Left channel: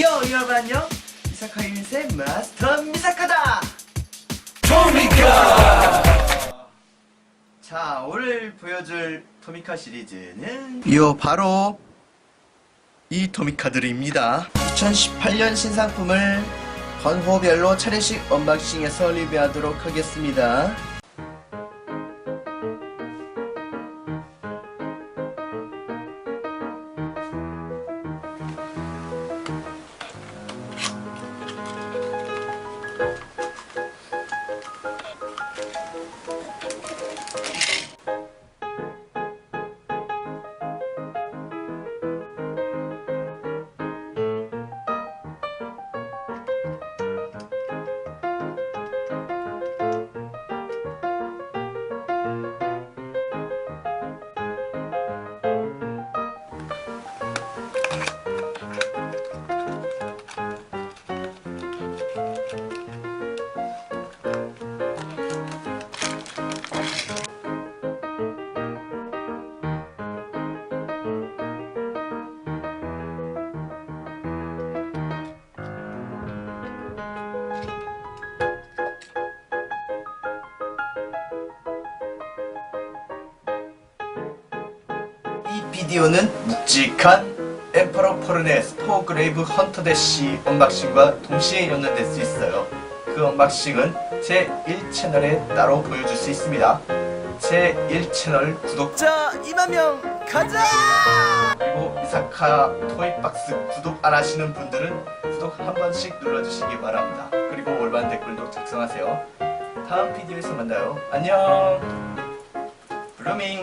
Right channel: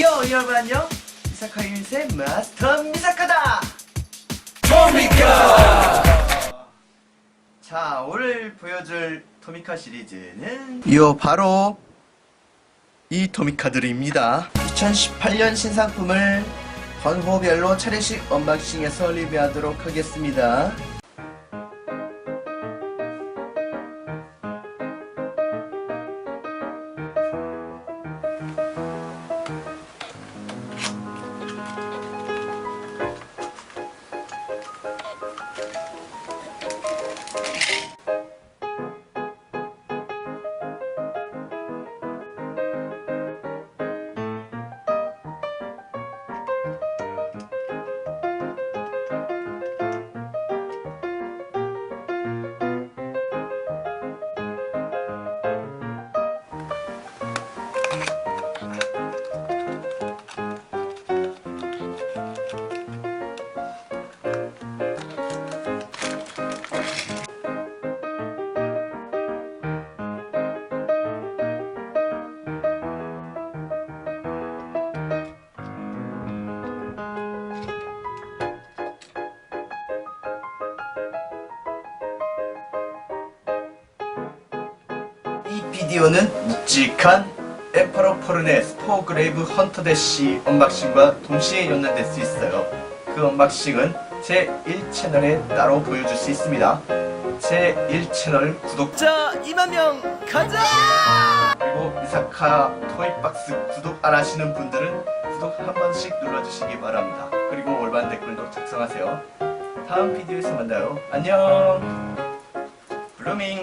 요 여러분 안녕 미사카 유닛의 마스터 미사카다! 토미카! 자 오늘 보여줄 토미카 시리즈는 요 바로 이 토미카들입니다. 2018년 신상품을 건호별로 차례씩 언박싱해서 리뷰하도록 하겠습니다 음. 이 비디오는 묵직한 엠퍼러 포르네 스포 그레이브 헌터 대시 언박싱과 동시에 연결될 수 있어요. 그 언박싱은 제 1채널에 따로 보여줄 수 있습니다. 제 1채널 구독자 2만 명 가자! 그리고 이사카 토이박스 구독 안 하시는 분들은 구독 한 번씩 눌러주시기 바랍니다. 그리고 올바른 댓글도 작성하세요. 다음 비디오에서 만나요. 안녕! 블루밍!